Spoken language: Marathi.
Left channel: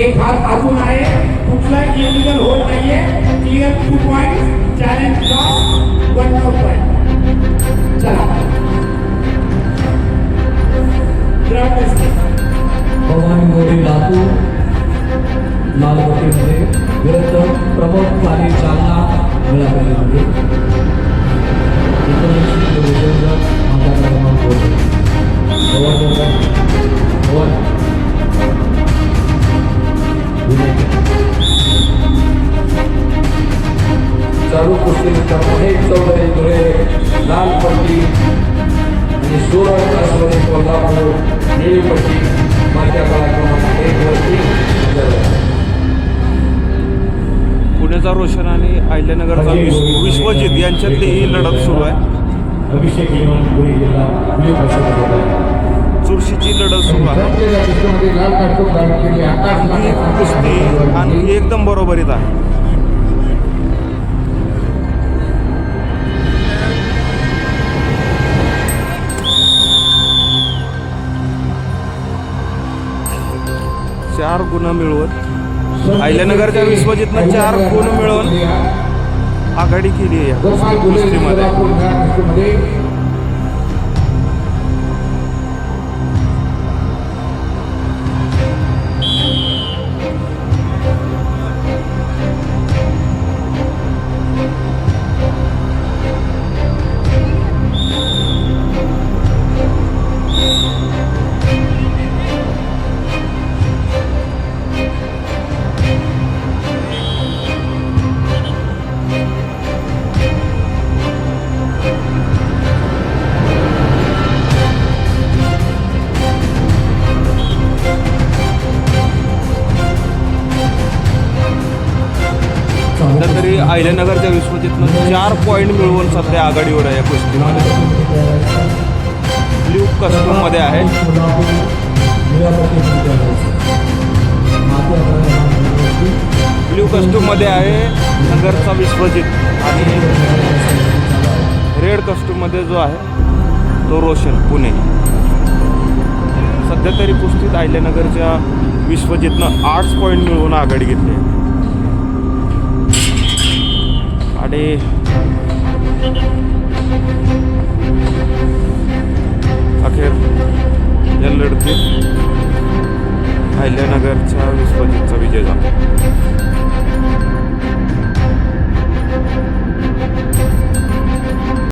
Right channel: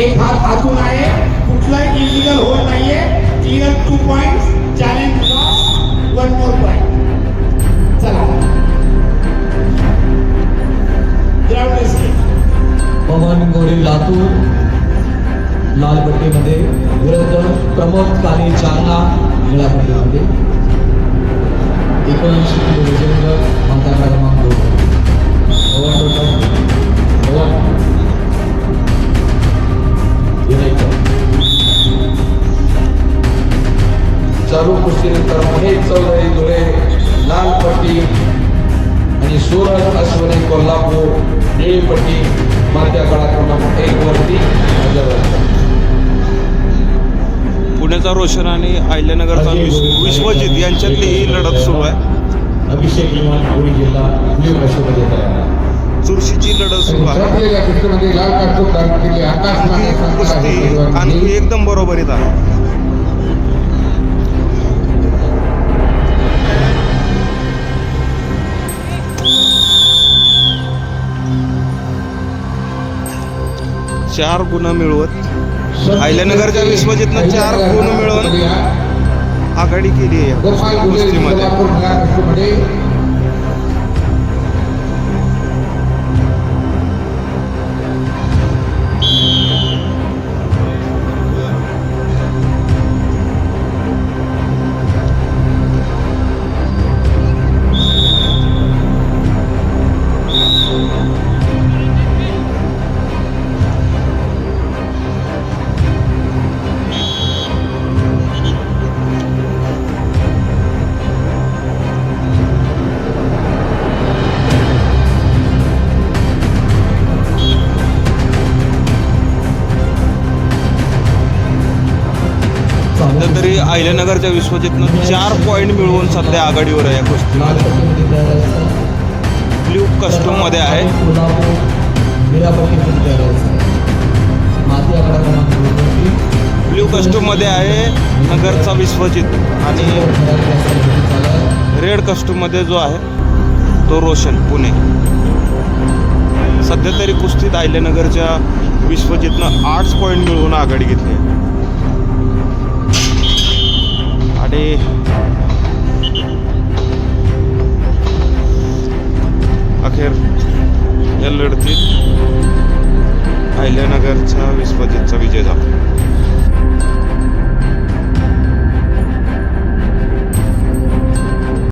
एक हात आतून आहे. कुठलाही इलिगल होल नाहीये. Clear two point challenge cross one more point चला. ग्राउंड भवानी गोरी लातूर लाल गोटीमध्ये विरोधन प्रमोद काने चालना मिळालेली आहे एकोणऐंशी चालू कुस्ती मित्रांनो महेश चौधरी धुळे लाल पट्टी आणि सुरण कासवडे कोल्हापूर निळी पट्टी मार्क्या काळा क्रमांक एक वरती हजर. पुण्याचा रोशन आणि अहिल्यानगरचा विश्व विश्वजित यांच्यातली ही लढत सुरू आहे. अभिषेक विमान पुणे जिल्हा न्यू कसोटी येत आहे. चुरशीची लढत सुरू आहे. आणखी कुस्ती आणखी एकदम बरोबरीत आहे. चार गुण मिळवत. अहिल्यानगरच्या विश्वजितनं चार गुण मिळवून आघाडी केली आहे या कुस्ती कुस्तीमध्ये सध्या तरी अहिल्यानगरच्या विश्वजितनं चार पॉईंट मिळवून सध्या आघाडीवर आहे या कुस्तीमध्ये. ब्ल्यू कस्टममध्ये आहे ब्ल्यू कस्टममध्ये आहे नगरचा विश्वजित आणि रेड कस्टममध्ये जो आहे तो रोशन पुणे. सध्या तरी कुस्तीत अहिल्यानगरच्या विश्वजितनं आठ पॉईंट मिळवून आघाडी घेतली आहे. आणि अखेर या लढतीत अहिल्यानगरच्या विस्पजितचा विजय झाला.